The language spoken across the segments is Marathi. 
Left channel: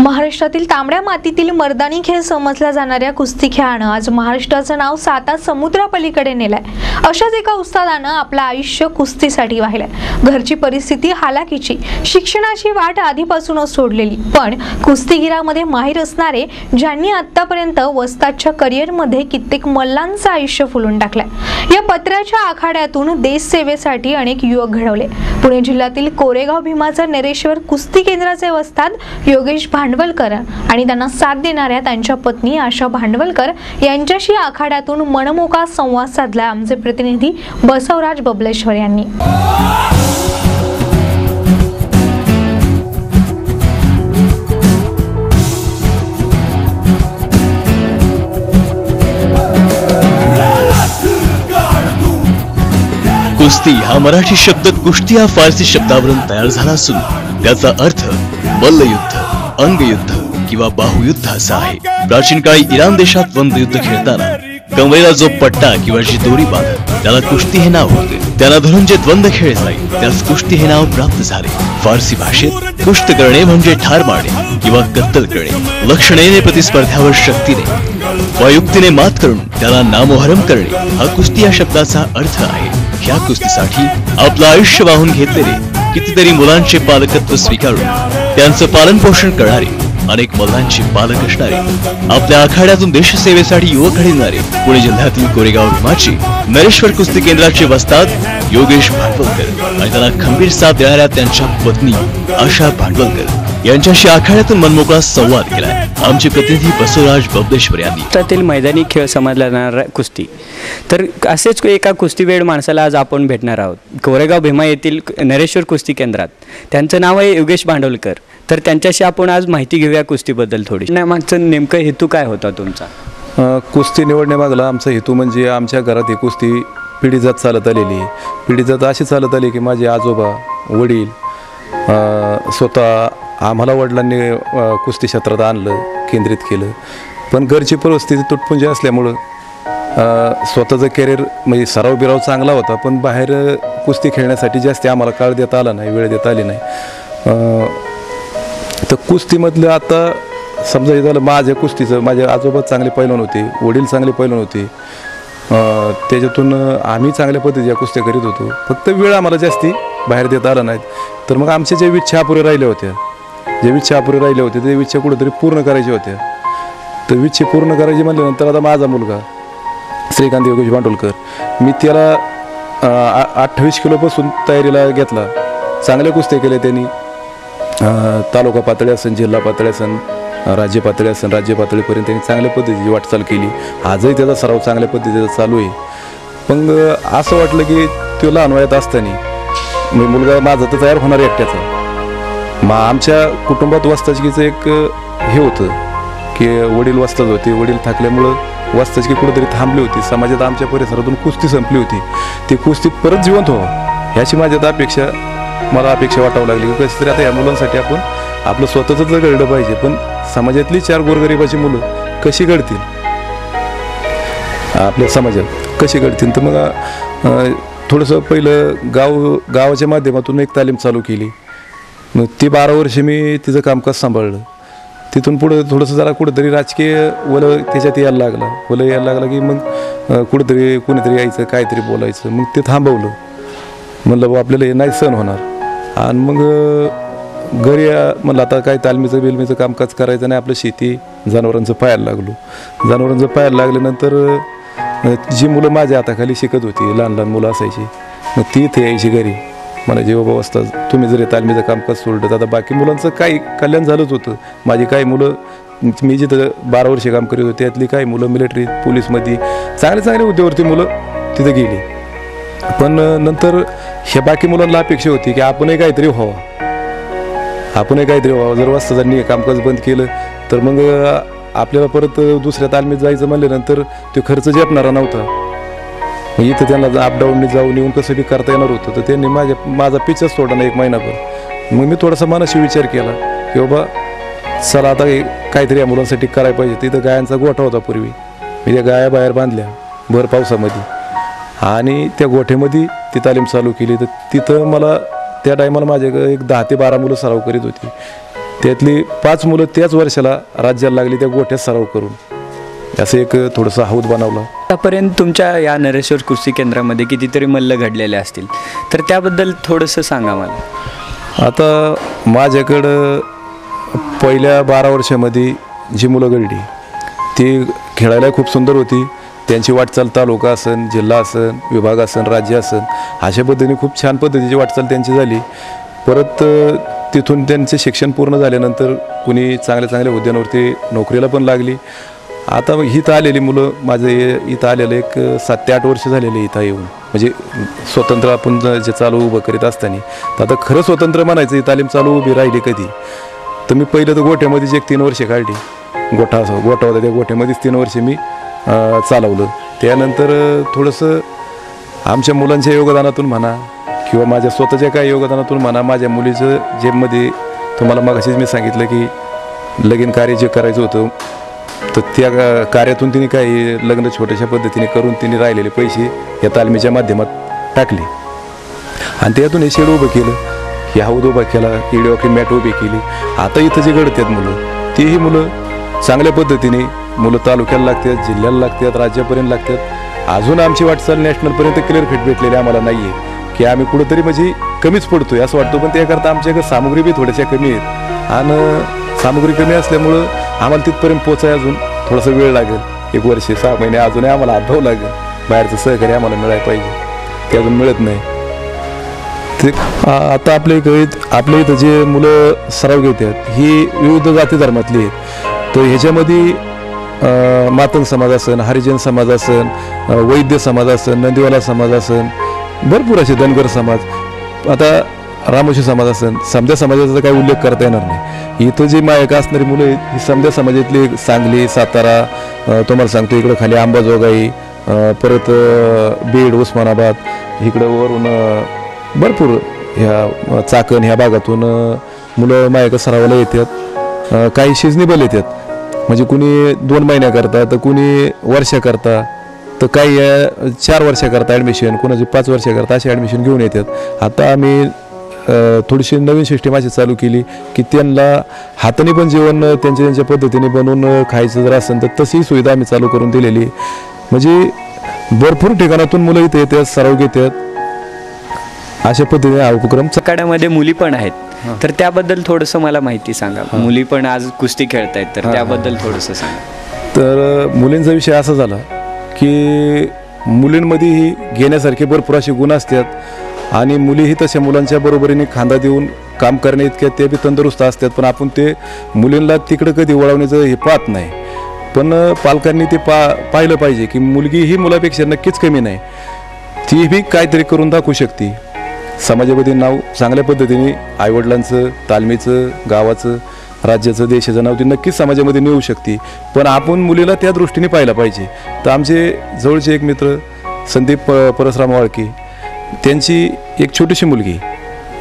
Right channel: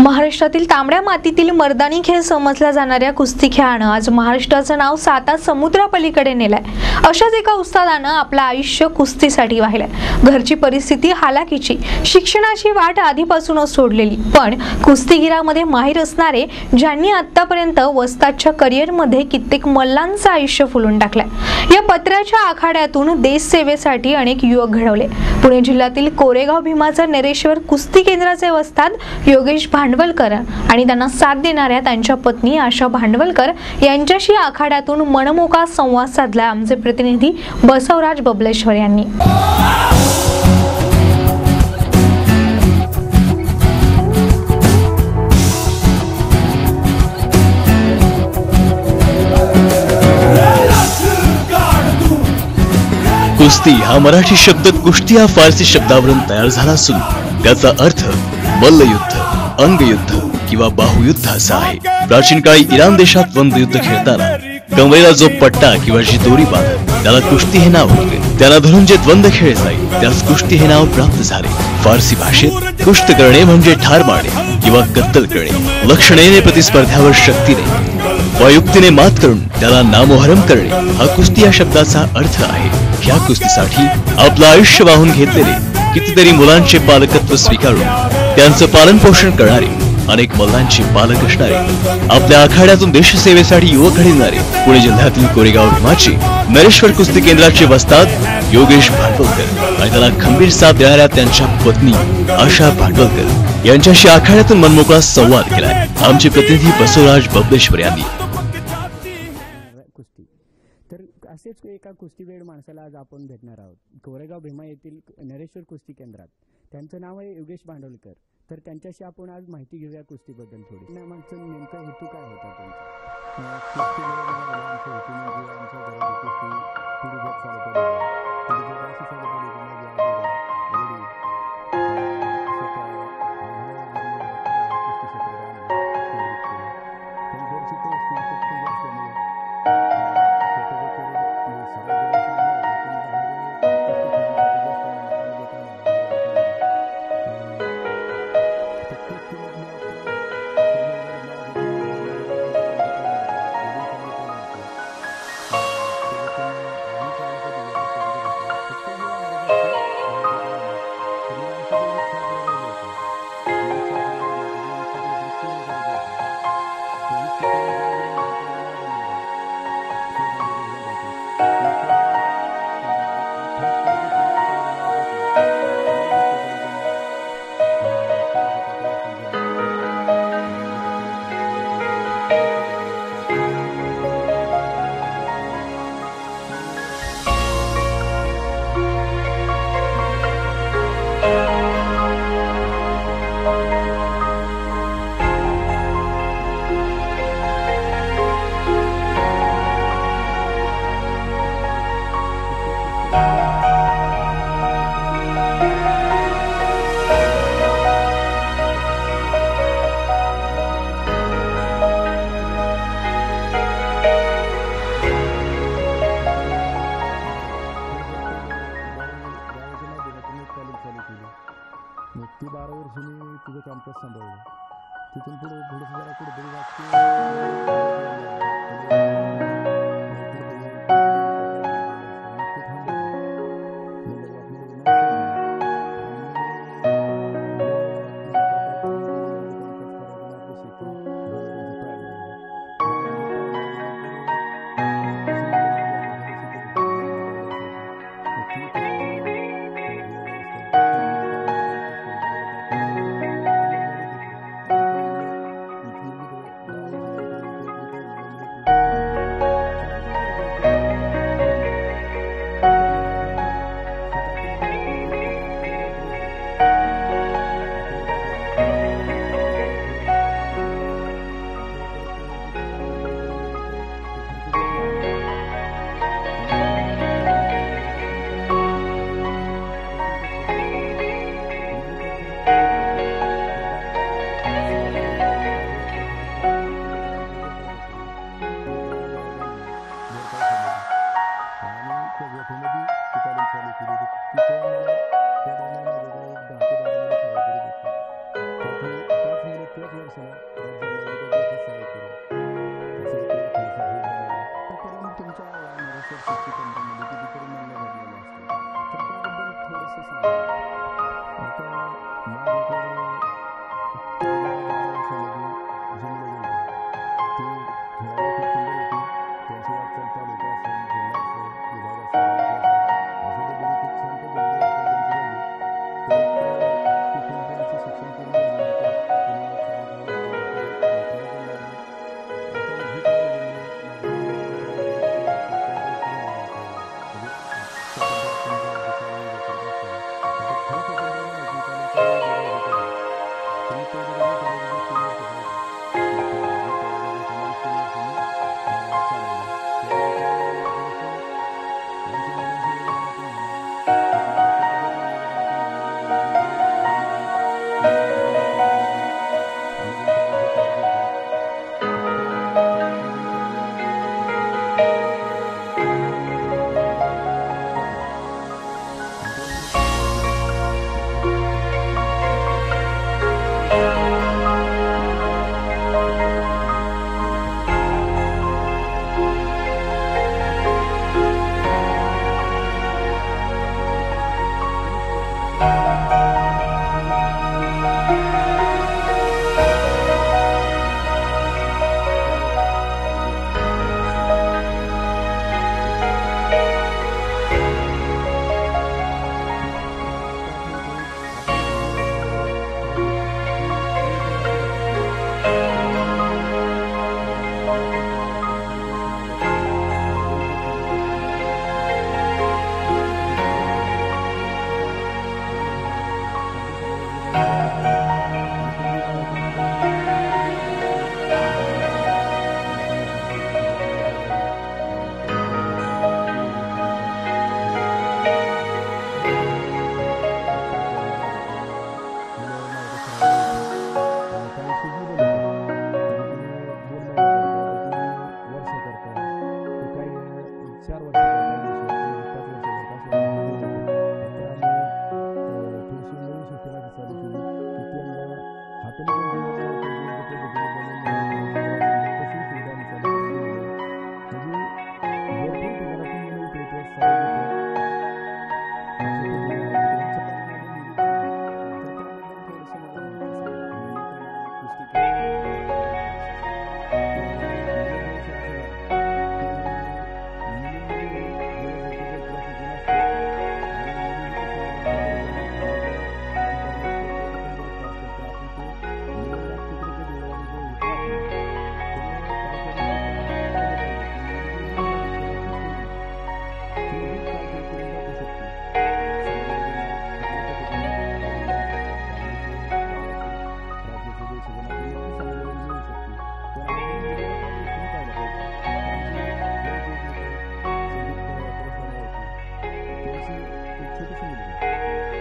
महाराष्ट्रातील तांबड्या मातीतील मर्दानी खेळ समजल्या जाणाऱ्या कुस्ती खेळानं आज महाराष्ट्राचं नाव साता समुद्रापलीकडे नेलंय. अशाच एका उस्तादानं आपलं आयुष्य कुस्तीसाठी वाहिलंय. घरची परिस्थिती हालाकीची शिक्षणाची वाट आधीपासूनच सोडलेली पण कुस्तीगिरामध्ये माहीर असणारे ज्यांनी आतापर्यंत वस्तादच्या करिअरमध्ये कित्येक मल्लांचं आयुष्य फुलून टाकलंय. या पत्र्याच्या आखाड्यातून देश सेवेसाठी अनेक युवक घडवले. पुणे जिल्ह्यातील कोरेगाव भीमाचा नरेश्वर कुस्ती केंद्राचे वस्ताद योगेश भांड भांडवलकर आणि त्यांना साथ देणाऱ्या त्यांच्या पत्नी आशा भांडवलकर यांच्याशी आखाड्यातून मनमोका संवाद साधला आमचे प्रतिनिधी बसवराज बबलेश्वर यांनी. कुस्ती हा मराठी शब्द कुस्ती या फारसी शब्दावरून तयार झाला असून त्याचा अर्थ मल्लयुद्ध. अंगयुद्ध किंवा बाहुयुद्ध असा आहे. प्राचीन काळी इराण देशात वंदयुद्ध खेळताना कमरेला जो पट्टा किंवा जी दोरी बांधत त्याला कुस्ती हे नाव होते. त्याला धरून जे द्वंद्व खेळ जाईल त्यास कुस्ती हे नाव प्राप्त झाले. फारसी भाषेत कुस्त करणे म्हणजे ठार मारणे किंवा कत्तल करणे. लक्षणेने प्रतिस्पर्ध्यावर शक्तीने व मात करून त्याला नामोहरम करणे. हा कुस्ती या शब्दाचा अर्थ आहे. ह्या कुस्तीसाठी आपलं आयुष्य वाहून घेतलेले कितीतरी मुलांचे पालकत्व स्वीकारून त्यांचं पालन पोषण करणारे अनेक मल्लांचे पालक असणारे आपल्या आखाड्यातून देशसेवेसाठी युवक घडविणारे पुणे जिल्ह्यातील कोरेगाव भीमाचे नरेश्वर कुस्ती केंद्राचे वस्ताद योगेश भांडवलकर आणि त्याला खंबीर साथ देणाऱ्या त्यांच्या पत्नी आशा भांडवलकर यांच्याशी आखाड्यातून मनमोकळा संवाद केलाय आमचे प्रतिनिधी बसवराज बबलेश्वर यांनी. मैदानी खेळ समजला जाणारा कुस्ती. तर असेच एका कुस्तीवेड माणसाला आज आपण भेटणार आहोत. कोरेगाव भीमा येथील नरेश्वर कुस्ती केंद्रात. त्यांचं नाव आहे योगेश भांडवलकर. तर त्यांच्याशी आपण आज माहिती घेऊया कुस्तीबद्दल थोडी नाही मागचं नेमकं हेतू काय होता तुमचा? कुस्ती निवडण्यामागला आमचा हेतू म्हणजे आमच्या घरात ही कुस्ती पिढी जात चालत आलेली आहे. पिढी जात अशी चालत आली की माझे आजोबा वडील स्वतः आम्हाला वडिलांनी कुस्ती क्षेत्रात आणलं केंद्रित केलं. पण घरची परिस्थिती तुटपुंजी असल्यामुळं स्वतःचं करिअर म्हणजे सराव बिराव चांगला होता पण बाहेर कुस्ती खेळण्यासाठी जास्त आम्हाला काळ देता आला नाही वेळ देता आली नाही. तर कुस्तीमधलं आता समजा हे झालं माझ्या कुस्तीचं माझे आजोबा चांगले पैलवान होते वडील चांगले पैलवान होते. त्याच्यातून आम्ही चांगल्या पद्धतीच्या कुस्त्या करीत होतो. फक्त वेळ आम्हाला जास्ती बाहेर देता आला नाहीत तर मग आमच्या ज्या इच्छा अपुऱ्या राहिल्या होत्या ज्या इच्छा अपुऱ्या राहिल्या होत्या त्या इच्छा कुठेतरी पूर्ण करायच्या होत्या. तर इच्छा पूर्ण करायची म्हणल्यानंतर आता माझा मुलगा श्रीकांत योगेश बांडोलकर. मी त्याला अठ्ठावीस किलोपासून तयारीला घेतला. चांगल्या कुस्त्या केल्या त्यांनी. तालुका पातळी असेल जिल्हा पातळी असेल राज्य पातळी असेल राज्य पातळीपर्यंत त्यांनी चांगल्या पद्धतीची वाटचाल केली. आजही त्याचा सराव चांगल्या पद्धतीचा चालू आहे. पण असं वाटलं की तो लहान वयात असताना मी मुलगा माझा तर तयार होणार एकट्याचा. मग आमच्या कुटुंबात वस्ताचकीचं एक हे होतं की वडील वस्ताच होते. वडील थकल्यामुळं वस्ताचकी कुठेतरी थांबली होती. समाजात आमच्या परिसरातून कुस्ती संपली होती. ती कुस्ती परत जिवंत हो ह्याची माझ्यात अपेक्षा मला अपेक्षा वाटावं लागली. की कसं तरी आता या मुलांसाठी आपण आपलं स्वतःच जर घडलं पाहिजे पण समाजातली चार गोरगरिबाची मुलं कशी घडतील? आपल्या समाजात कशी घडतील? तर मग थोडंसं पहिलं गाव गावाच्या माध्यमातून एक तालीम चालू केली. मग ती बारा वर्ष मी तिचं कामकाज सांभाळलं. तिथून पुढं थोडंसं जरा कुठंतरी राजकीय वलं त्याच्यात यायला लागलं. वलं यायला लागलं की मग कुठंतरी कुणीतरी यायचं काहीतरी बोलायचं. मग ते थांबवलं. म्हणलं बा आपल्याला हे नाही सण होणार. आणि मग घरी म्हणलं आता काय तालमीचं बिलमीचं कामकाज करायचं नाही आपलं शेती जनावरांचं पाहायला लागलो. जनावरांचं पाहायला लागल्यानंतर जी मुलं माझ्या हाताखाली शिकत होती लहान लहान मुलं असायची मग ती इथे यायची घरी. मला जे बाबा असतात तुम्ही जरी तालमीचं कामकाज सोडलं तर आता बाकी मुलांचं काही कल्याण झालंच होतं. माझी काही मुलं मी जिथं बारा वर्षे काम करीत होते त्यातली काही मुलं मिलिटरी पोलीसमध्ये चांगले चांगले उद्योगवरती मुलं तिथं गेली. पण नंतर ह्या बाकी मुलांना अपेक्षा होती की आपणही काहीतरी व्हावं. आपणही काहीतरी व्हावं. जर वाजताजांनी कामकाज बंद केलं तर मग आपल्याला परत दुसऱ्या तालमीत जायचं म्हणल्यानंतर तो खर्च जपणारा नव्हता. इथं त्यांना अपडाऊनने जाऊन येऊन कसं बी करता येणार होतं तर त्यांनी माझ्या माझा पिचच सोडला ना एक महिनाभर. मग मी थोडासा मनाशी विचार केला की बाबा चला आता काहीतरी या मुलांसाठी करायला पाहिजे. तिथं गायांचा गोठा होता पूर्वी. मी त्या गाया बाहेर बांधल्या भर पावसामध्ये. आणि त्या गोठ्यामध्ये ती तालीम चालू केली. तर तिथं मला त्या टायमाला माझ्याकडे एक दहा ते बारा मुलं सराव करीत होती. त्यातली पाच मुलं त्याच वर्षाला राज्याला लागली त्या गोठ्यात सराव करून. असं एक थोडंसं हौद बनवलं. आतापर्यंत तुमच्या या नरेश्वर कुस्ती केंद्रामध्ये कितीतरी मल्ल घडलेले असतील. तर त्याबद्दल थोडंसं सांगा मला. आता माझ्याकडं पहिल्या बारा वर्षामध्ये जी मुलं घडली ती खेळायला खूप सुंदर होती. त्यांची वाटचाल तालुका असन जिल्हा असन विभाग असन राज्य असन अशा पद्धतीने खूप छान पद्धतीची वाटचाल त्यांची झाली. परत तिथून त्यांचे शिक्षण पूर्ण झाल्यानंतर कुणी चांगल्या चांगल्या हुद्द्यांवरती नोकरीला पण लागली. आता इथं आलेली मुलं माझे इथं आलेलं एक सात ते आठ वर्ष झालेले इथं येऊन. म्हणजे स्वतंत्र आपण जे चालू उभं करीत असताना तर आता खरं स्वतंत्र म्हणायचं ही तालीम चालू उभी राहिली कधी? तर मी पहिलं तर गोठ्यामध्येच एक तीन वर्षे काढली. गोठा असं गोठा होता त्या गोठ्यामध्येच तीन वर्षे मी चालवलं. त्यानंतर थोडंसं आमच्या मुलांच्या योगदानातून म्हणा किंवा माझ्या स्वतःच्या काही योगदानातून म्हणा माझ्या मुलीचं जेमध्ये तुम्हाला मगाशीच मी सांगितलं की लगीन कार्य जे करायचं होतं तर त्या कार्यातून तिने काही लग्न छोट्याशा पद्धतीने करून तिने राहिलेले पैसे या तालमीच्या माध्यमात टाकले. आणि त्यातून हे शेड उभं केलं. की हौद उभा केला किडे ऑफी मॅट उभी केली. आता इथं जे घडतात मुलं तेही मुलं चांगल्या पद्धतीने मुलं तालुक्याला लागतात जिल्ह्याला लागतात राज्यापर्यंत लागतात. अजून आमची वाटचाल नॅशनलपर्यंत क्लिअर फिट भेटलेली आम्हाला नाही आहे की आम्ही कुठंतरी म्हणजे कमीच पडतोय असं वाटतं. पण त्याकरता आमच्याकडे सामग्री बी थोड्याशा कमी आहेत. आणि सामग्री कमी असल्यामुळं आम्हाला तिथपर्यंत पोचाय अजून थोडासा वेळ लागेल. एक वर्ष सहा महिने अजूनही आम्हाला आठवं लागेल. बाहेरचं सहकार्य आम्हाला मिळायला पाहिजे. ते अजून मिळत नाही. ते आता आपल्या इथं आपल्या इथं जे मुलं सराव घेतात ही विविध जाती धर्मातली आहेत. तर ह्याच्यामध्ये मातन मातंग समाज असन हरिजन समाज असन वैद्य समाज असन नंदीवाला समाज असन भरपूर असे धनगर समाज. आता रामोशी समाज असन समध्या समाजाचा काही उल्लेख करता येणार नाही. इथं जी मायका असणारी मुलं ही समध्या समाजातली सांगली सातारा तुम्हाला सांगतो इकडं खाली अंबाजोगाई परत बीड उस्मानाबाद इकडं वरून भरपूर ह्या चाकण ह्या भागातून मुलं मायका सरावाला येतात. काही शिजनेबल येतात. म्हणजे कुणी दोन महिन्याकरता तर कुणी वर्षाकरता तर काही चार वर्षाकरता ॲडमिशन कुणाची पाच वर्षाकरता अशी ॲडमिशन घेऊन येतात. आता आम्ही थोडीशी नवीन सिस्टीम अशी चालू केली की त्यांना हाताने पण जेवण त्यांच्या त्यांच्या पद्धतीने बनवून खायचं जर असेल तर तशी सुविधा आम्ही चालू करून दिलेली. म्हणजे भरपूर ठिकाणातून मुलं इथे येतात सराव घेतात. अशा पद्धतीने हा उपक्रम आखाड्यामध्ये मुली पण आहेत. तर त्याबद्दल थोडंसं मला माहिती सांगा. मुली पण आज कुस्ती खेळतायत तर त्याबद्दल थोडंसं सांगा. तर मुलींचा विषय असा झाला की मुलींमध्येही घेण्यासारखे भरपूर असे गुण असतात. आणि मुलीही तशा मुलांच्या बरोबरीने खांदा देऊन काम करण्या इतक्या ते बी तंदुरुस्त असतात. पण आपण ते मुलींना तिकडं कधी वळवण्याचं हे पाहत नाही. पण पालकांनी ते पा पाहिलं पाहिजे की मुलगी ही मुलापेक्षा नक्कीच कमी नाही. ती बी काहीतरी करून दाखवू शकते. समाजामध्ये नाव चांगल्या पद्धतीने आईवडिलांचं तालमीचं गावाचं राज्याचं देशाचं नाव ती नक्कीच समाजामध्ये मिळू शकते. पण आपण मुलीला त्या दृष्टीने पाहिलं पाहिजे. तर आमचे जवळचे एक मित्र संदीप परसराम वाळके त्यांची एक छोटीशी मुलगी.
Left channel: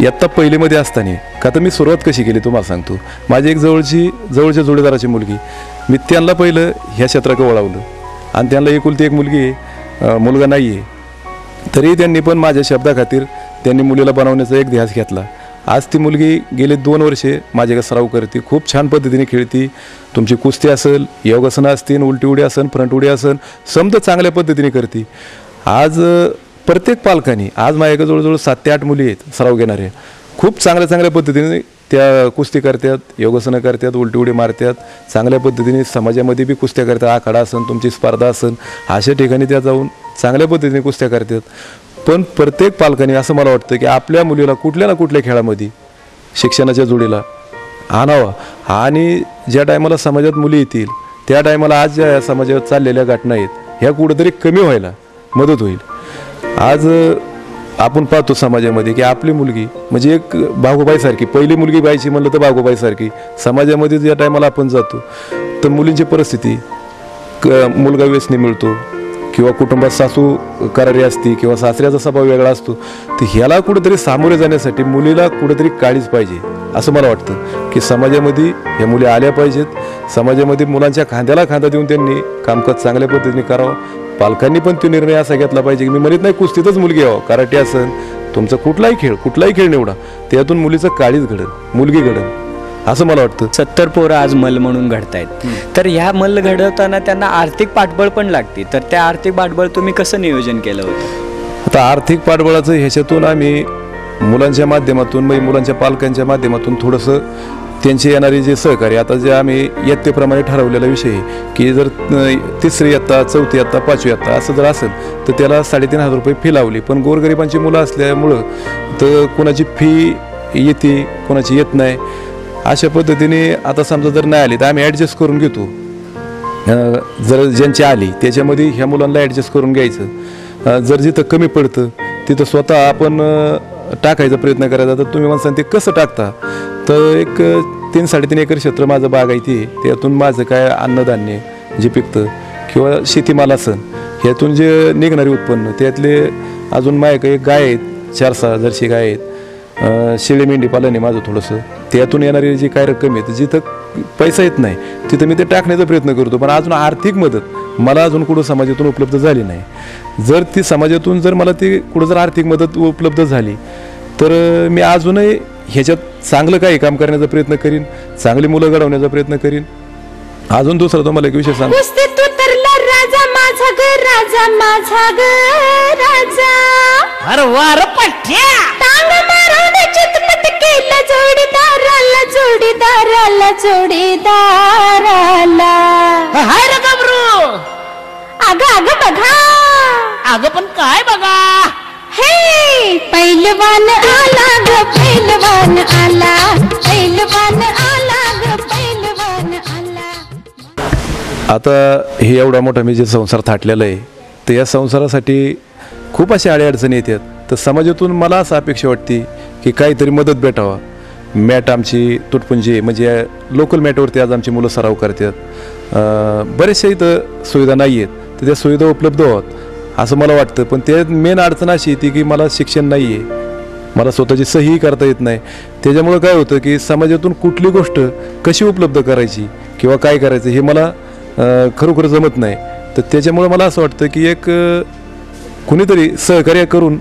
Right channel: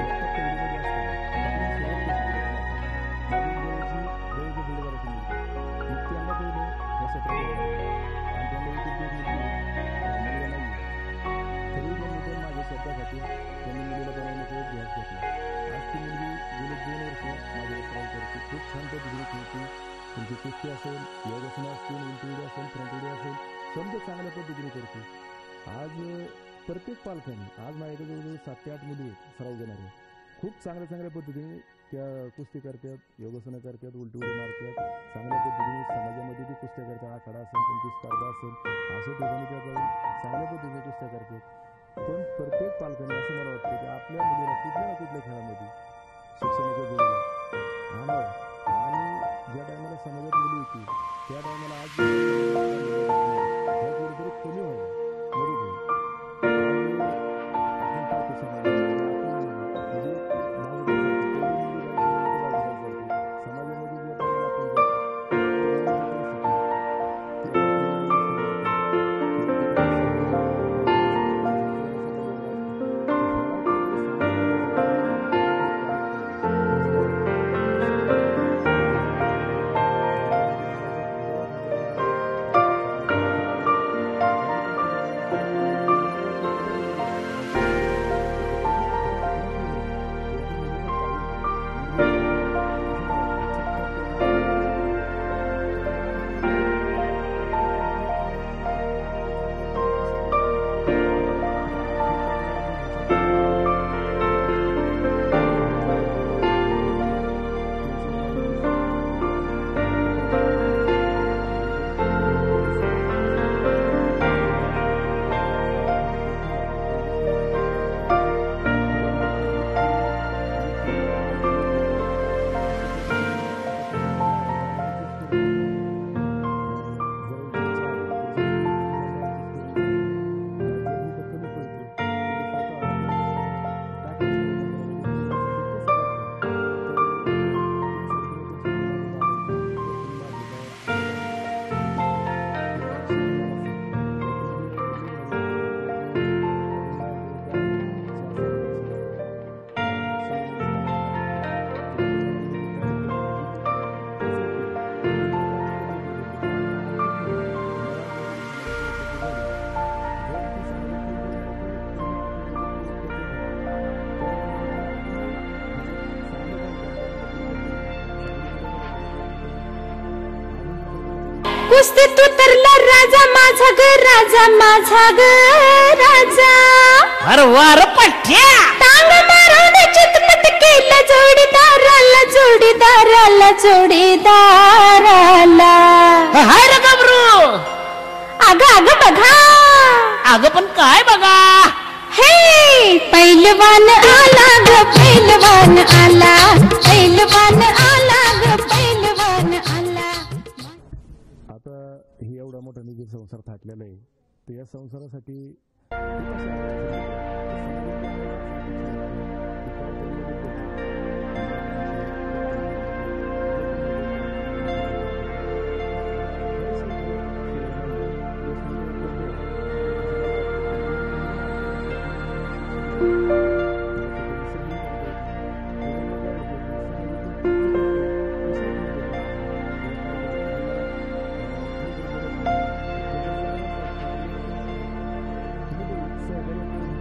इयत्ता पहिलीमध्ये असताना का तर मी सुरुवात कशी केली तुम्हाला सांगतो. माझी एक जवळची जवळच्या जोडीदाराची मुलगी. मी त्यांना पहिलं ह्या क्षेत्राकडे वळवलं. आणि त्यांना एकुलती एक मुलगी आहे. मुलगा नाही आहे. तरी त्यांनी पण माझ्या शब्दाखातीर त्यांनी मुलीला बनवण्याचा एक ध्यास घेतला. आज ती मुलगी गेले दोन वर्षे माझ्याकडे सराव करते. खूप छान पद्धतीने खेळती. तुमची कुस्ती असेल योगासनं असतील उलटी उडी असेल फ्रंट उडी असेल समजा चांगल्या पद्धतीने करते. आज प्रत्येक पालकांनी आज माझ्याकडे जवळजवळ सात ते आठ मुली आहेत सराव घेणारे. खूप चांगल्या चांगल्या पद्धतीने त्या कुस्ती करतात योगासनं करतात उलटी उडी मारतात. चांगल्या पद्धतीने समाजामध्ये बी कुस्त्या करतात आखाडा असन तुमची स्पर्धा असन अशा ठिकाणी त्या जाऊन चांगल्या पद्धतीने कुस्त्या करतात. पण प्रत्येक पालकांनी असं मला वाटतं की आपल्या मुलीला कुठल्या ना कुठल्या खेळामध्ये शिक्षणाच्या जोडीला आणावा. आणि ज्या टायमाला समाजात मुली येतील त्या टायमाला आज ज्या समाजात चाललेल्या घटना आहेत ह्या कुठंतरी कमी व्हायला मदत होईल. आज आपण पाहतो समाजामध्ये की आपली मुलगी म्हणजे एक बागोबाईसारखी पहिली मुलगी बायची म्हणलं तर बागोबाईसारखी समाजामध्ये ज्या टायमाला आपण जातो तर मुलींची परिस्थिती क मुलगा व्यसनी मिळतो. किंवा कुटुंबात सासू करारी असते किंवा सासऱ्याचा स्वभाव वेगळा असतो तर ह्याला कुठेतरी सामोरे जाण्यासाठी मुलीला कुठेतरी काळीच पाहिजे असं मला वाटतं. की समाजामध्ये या मुली आल्या पाहिजेत. समाजामध्ये मुलांच्या खांद्याला खांदा देऊन त्यांनी कामकाज चांगल्या पद्धतीने करावं. पालकांनी पण तो निर्णय असा घेतला पाहिजे की मी म्हणत नाही कुस्तीतच मुलगी यावं. कराटे असेल तुमचा कुठलाही खेळ कुठलाही खेळ निवडा. त्यातून मुलीचं काळीच घडल मुलगी घडल असं मला वाटतं. सत्तर पोरं आज मल म्हणून घडतायत. तर ह्या मल घडवताना त्यांना आर्थिक पाठबळ पण लागते. तर त्या आर्थिक पाठबळ तुम्ही कसं नियोजन केलं होतं? आता आर्थिक पाठबळाचं ह्याच्यातून आम्ही मुलांच्या माध्यमातून म्हणजे मुलांच्या पालकांच्या माध्यमातून थोडंसं त्यांचे येणारे जे सहकार्य आता जे आम्ही इयत्तेप्रमाणे ठरवलेला विषय आहे की जर तिसरी इयत्ता चौथी इयत्ता पाचवी इयत्ता असं जर असेल तर त्याला साडेतीन हजार रुपये फी लावली. पण गोरगरिबांची मुलं असल्यामुळं तर कोणाची फी येते कोणाची येत नाही. अशा पद्धतीने आता समजा जर नाही आली तर आम्ही ॲडजस्ट करून घेतो. जर ज्यांची आली त्याच्यामध्ये ह्या मुलांना ॲडजस्ट करून घ्यायचं. जर जिथं कमी पडतं तिथं स्वतः आपण टाकायचा प्रयत्न करायचा. तर तुम्ही म्हणसान ते कसं टाकता? तर एक तीन साडेतीन एकर क्षेत्र माझं बाग आहे. त्यातून माझं काय अन्नधान्य जे पिकतं किंवा शेतीमाल असं ह्यातून जे निघणारे उत्पन्न त्यातले अजून माझ्या एक गाय आहेत चार सहा जर्सी गाय आहेत. शेळी मेंढी पालन आहे माझं थोडंसं. त्यातून येणारी जी काय रक्कम आहे तर जिथं पैसा येत नाही तिथं मी ते टाकण्याचा प्रयत्न करतो. पण अजून आर्थिक मदत मला अजून कुठं समाजातून उपलब्ध झाली नाही. जर ती समाजातून जर मला ती कुठं जर आर्थिक मदत उपलब्ध झाली तर मी अजूनही ह्याच्यात चांगलं काही काम करण्याचा प्रयत्न करीन चांगली मुलं घडवण्याचा प्रयत्न करीन. अजून दुसरा तुम्हाला एक विषय सांग माझा ग राजा माझा ग राजा. अरे वार पठ्या! टांग मारून चितपट केला जोडीदाराला जोडीदाराला जोडीदाराला. हाय रे गबरू. अग अग बघा. अगं पण काय बघा? हे पैलवान आला ग पैलवान आला. पैलवान आला ग पैलवान आला. आता हे एवढा मोठा मी जे संसार थाटलेला आहे तर या संसारासाठी खूप अशा अडीअडचणी येतात. तर समाजातून मला असं अपेक्षा वाटते की काहीतरी मदत भेटावा. मॅट आमची तुटपुंजी म्हणजे लोकल मॅटवरती आज आमची मुलं सराव करतात. बरेचशा इथं सुविधा नाही आहेत. तर त्या सुविधा उपलब्ध आहोत असं मला वाटतं. पण ते मेन अडचण अशी येते की मला शिक्षण नाही आहे. मला स्वतःची सही करता येत नाही. त्याच्यामुळं काय होतं की समाजातून कुठली गोष्ट कशी उपलब्ध करायची किंवा काय करायचं हे मला खरोखर जमत नाही. तर त्याच्यामुळं मला असं वाटतं की एक कुणीतरी सहकार्य करून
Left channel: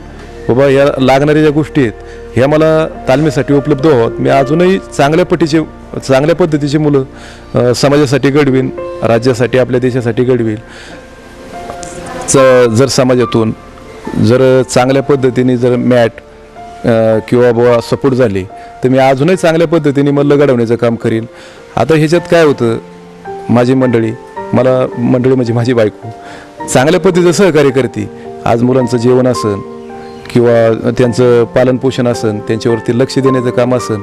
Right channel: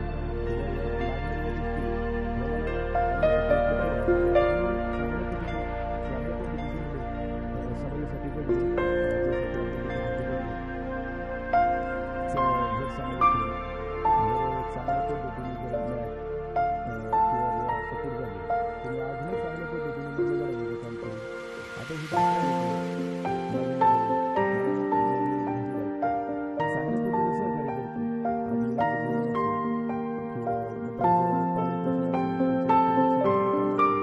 बाबा या लागणाऱ्या ज्या गोष्टी आहेत ह्या मला तालमीसाठी उपलब्ध आहोत मी अजूनही चांगल्या पटीचे चांगल्या पद्धतीचे मुलं समाजासाठी घडवीन राज्यासाठी आपल्या देशासाठी घडवीन. च जर समाजातून जर चांगल्या पद्धतीने जर मॅट किंवा बुवा सपोर्ट झाले तर मी अजूनही चांगल्या पद्धतीने मल्ल घडवण्याचं काम करीन. आता ह्याच्यात काय होतं माझी मंडळी मला मंडळी म्हणजे माझी बायको चांगल्या पद्धतीचं सहकार्य करते. आज मुलांचं जेवण असेल किंवा त्यांचं पालनपोषण असन त्यांच्यावरती लक्ष देण्याचं काम असन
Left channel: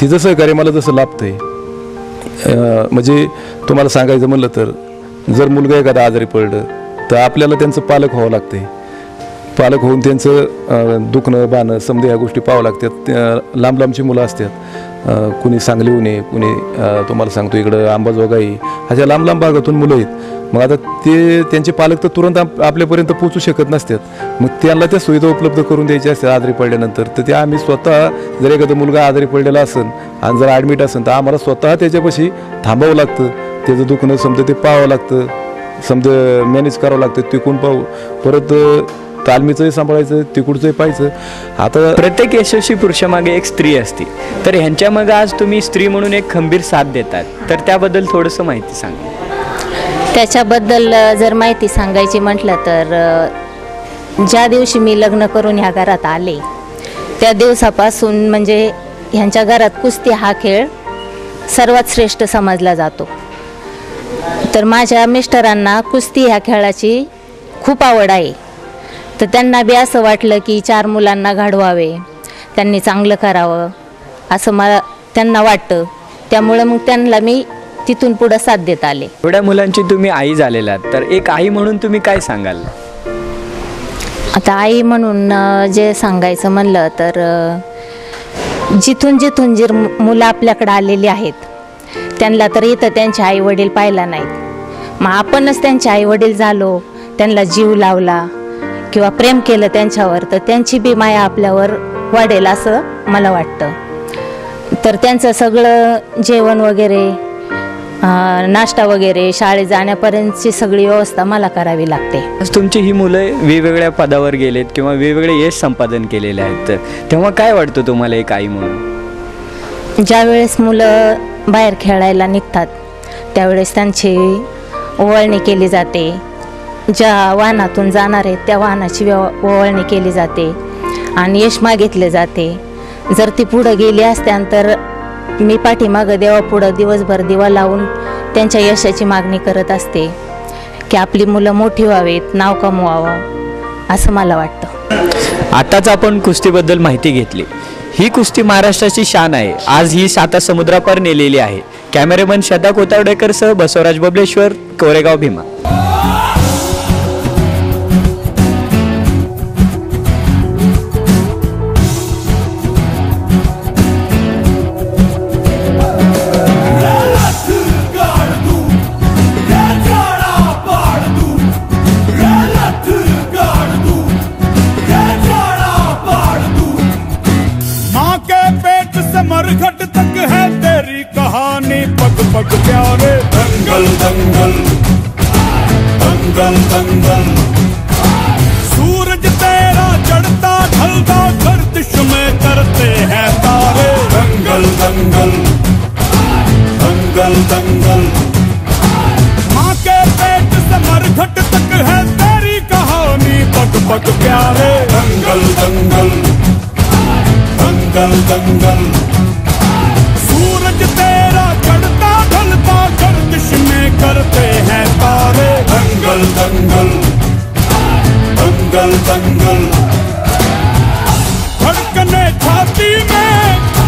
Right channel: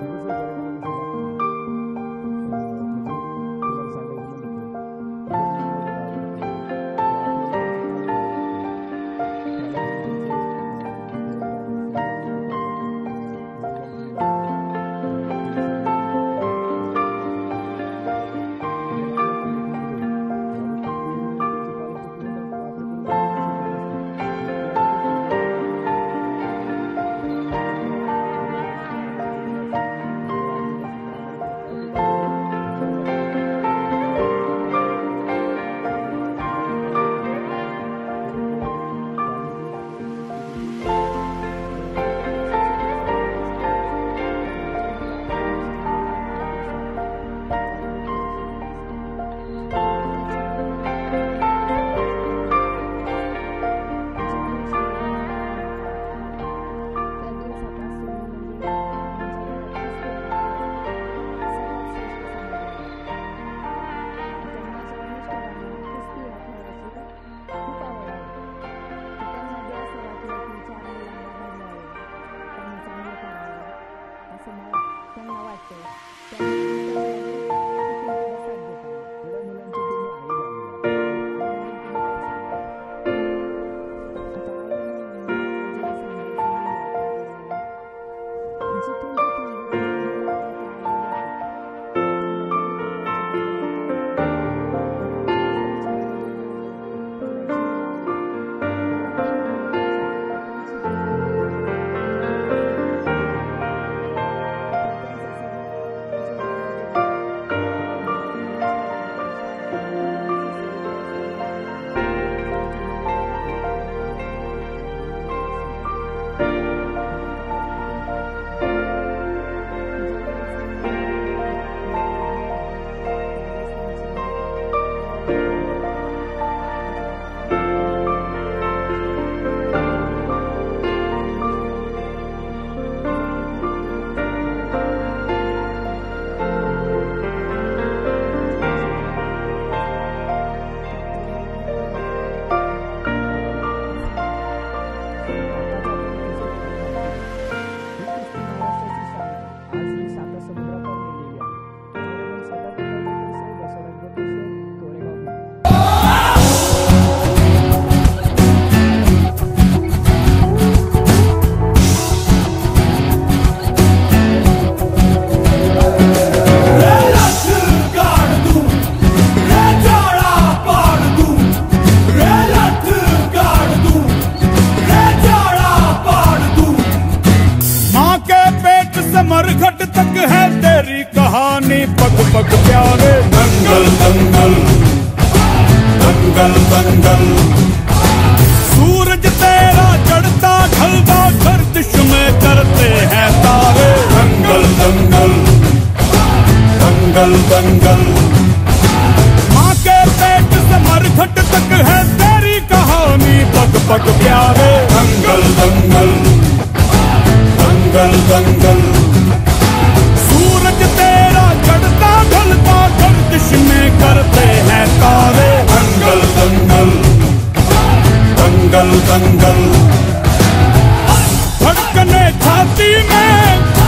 तिचं सहकार्य मला जसं लाभतंय. आहे म्हणजे तुम्हाला सांगायचं म्हणलं तर जर मुलगा एखादा आजारी पडलं तर आपल्याला त्यांचं पालक व्हावं लागते पालक होऊन त्यांचं दुखणं बाणं समजा या गोष्टी पाहावं लागतात. त्या लांब लांबची मुलं असतात. कुणी सांगलीहून कुणी तुम्हाला सांगतो इकडं अंबाजोगाई अशा लांब लांब भागातून मुलं आहेत. मग आता ते त्यांचे पालक तर तुरंत आपल्यापर्यंत पोहोचू शकत नसतात. मग त्यांना त्या सुविधा उपलब्ध करून द्यायच्या असतात आजारी पडल्यानंतर. तर ते आम्ही स्वतः जर एखादा मुलगा आजारी पडलेला असेल आणि जर ॲडमिट असेल तर आम्हाला स्वतः त्याच्यापाशी थांबावं लागतं. त्याचं दुखणं समजा ते पाहावं लागतं. समजा मॅनेज करावं लागतं. तिकून पाहू? परत तालमीचंही सांभाळायचं तिकडचंही पाहायचं. आता प्रत्येक यशस्वी पुरुषामागे एक स्त्री असते. तर ह्यांच्या मग आज तुम्ही स्त्री म्हणून एक खंबीर साथ देतात. तर त्याबद्दल थोडंसं माहिती सांगा. त्याच्याबद्दल जर माहिती सांगायची म्हटलं तर ज्या दिवशी मी लग्न करून ह्या घरात आले त्या दिवसापासून म्हणजे ह्यांच्या घरात कुस्ती हा खेळ सर्वात श्रेष्ठ समजला जातो. तर माझ्या मिस्टरांना कुस्ती ह्या खेळाची खूप आवड आहे. तर त्यांना बी असं वाटलं की चार मुलांना घडवावे. त्यांनी चांगलं करावं. असं मला त्यांना वाटतं. त्यामुळं मग त्यांना मी तिथून पुढं साथ देत आले. एवढ्या मुलांची तुम्ही आई झालेलात तर एक आई म्हणून तुम्ही काय सांगाल? आता आई म्हणून जे सांगायचं म्हणलं तर जिथून जिथून जे मुलं आपल्याकडे आलेली आहेत त्यांना तर इथं त्यांचे आई वडील पाहिला नाहीत. मग आपणच त्यांचे आई वडील झालो त्यांना जीव लावला किंवा प्रेम केलं त्यांच्यावर तर त्यांची बी माया आपल्यावर वाढेल असं मला वाटतं. तर त्यांचं सगळं जेवण वगैरे नाश्ता वगैरे शाळेत जाण्यापर्यंतची सगळी व्यवस्था मला करावी लागते. तुमची ही मुलं वेगवेगळ्या पदावर गेलेत किंवा वेगवेगळे यश संपादन केलेले आहेत तेव्हा काय वाटतं तुम्हाला एक आई म्हणून? ज्यावेळेस मुलं बाहेर खेळायला निघतात त्यावेळेस त्यांची ओवाळणी केली जाते. ज्या वाहनातून जाणार आहेत त्या वाहनाची व्यव ओवाळणी केली जाते आणि यश मागितले जाते. जर ती पुढं गेली असत्यानंतर मी पाठीमागं देवापुढं दिवसभर दिवा लावून त्यांच्या यशाची मागणी करत असते. की आपली मुलं मोठी व्हावीत नाव कमवावं असं मला वाटतं. आताच आपण कुस्तीबद्दल माहिती घेतली. ही कुस्ती महाराष्ट्राची शान आहे. आज ही साता समुद्रापर नेलेली आहे. कॅमेरामन श्रद्धा कोतावडेकर सह बसवराज बबलेश्वर कोरेगाव भीमा. हैं तारे दंगल दंगल। दंगल दंगल। माँ के पेट से मरघट तक है तेरी कहानी, पग पग प्यारे। दंगल दंगल। दंगल दंगल। सूरज तेरा चढ़ता ढलता गर्दिश में करते हैं तारे। दंगल दंगल। दंगल दंगल। धड़कने छाती में